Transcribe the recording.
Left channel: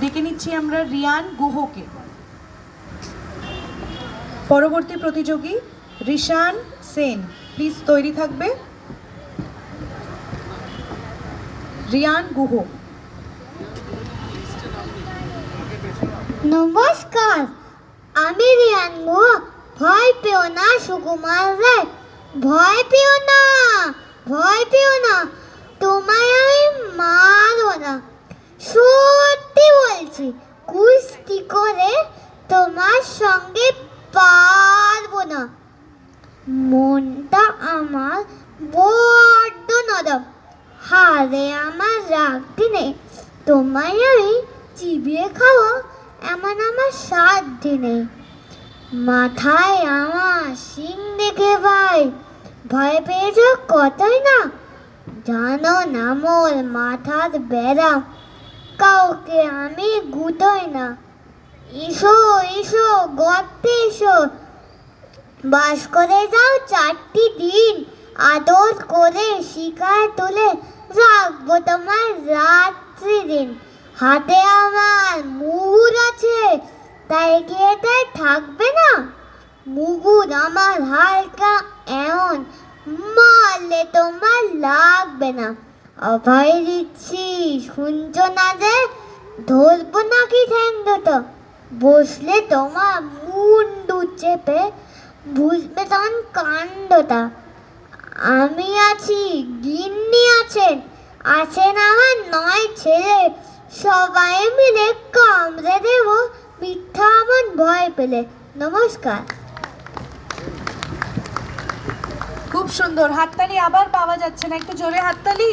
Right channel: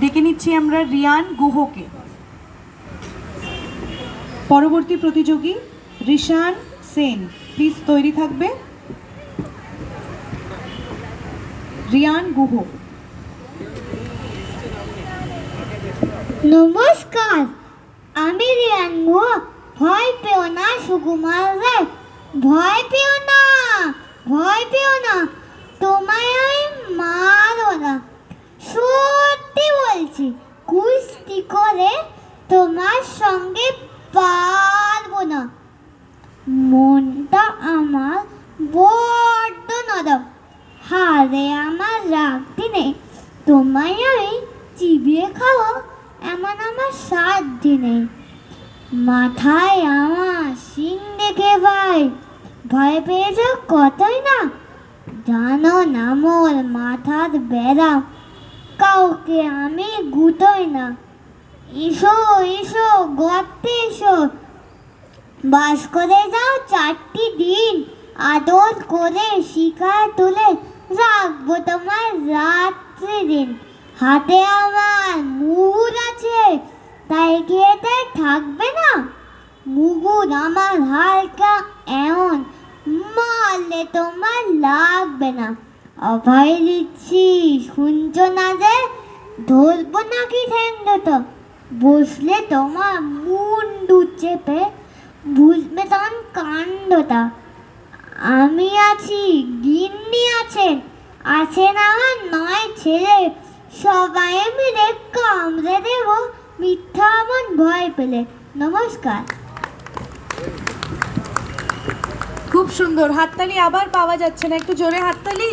ডেকে নিচ্ছি আমরা রিয়ান গুহকে। পরবর্তী প্রতিযোগী রিশান সেন, প্লিজ তৈরি থাকবে। রিয়ান গুহ। নমস্কার, আমি রিয়ান গুহ। ভয় পেও না সুকুমার রায়, ভয় পেও না, ভয় পেও না, তোমায় আমি মারো না। সত্যি বলছি, কুস্তি করে তোমার সঙ্গে পারবো না। মনটা আমার বড্ড নরম, হারে আমার রাগটি নেই। তোমায় আমি চিবিয়ে খাবো এমন আমার সাধ্য নেই। মাথায় আমার শিং দেখে ভাই ভয় পেয়েছ কতই না। জানো না মোর মাথার বেড়া, কাউকে আমি গুটোই না। এসো এসো গর্তে এসো, বাস করে যাও 4টি দিন। আদর করে শিকায় তুলে রাখবো তোমার রাত্রি দিন। হাতে আমার মুগুর আছে, তাই গিয়ে তাই থাকবে না। মুগুর আমার হালকা এমন, মারলে তোমার লাগবে না। অভয় দিচ্ছি শুনছো না যে, ধরবো নাকি ঠ্যাং দুটো। বসলে তোমার মুন্ডু চেপে বুঝবে তখন কাণ্ডটা। আমি আছি, গিন্নি আছেন, আছেন আমার 9 ছেলে। সবাই মিলে কামড়ে দেব মিথ্যা আমার ভয় পেলে। নমস্কার। খুব সুন্দর, হাততালি আবার পাওয়া যাচ্ছে না, একটু জোরে হাততালি।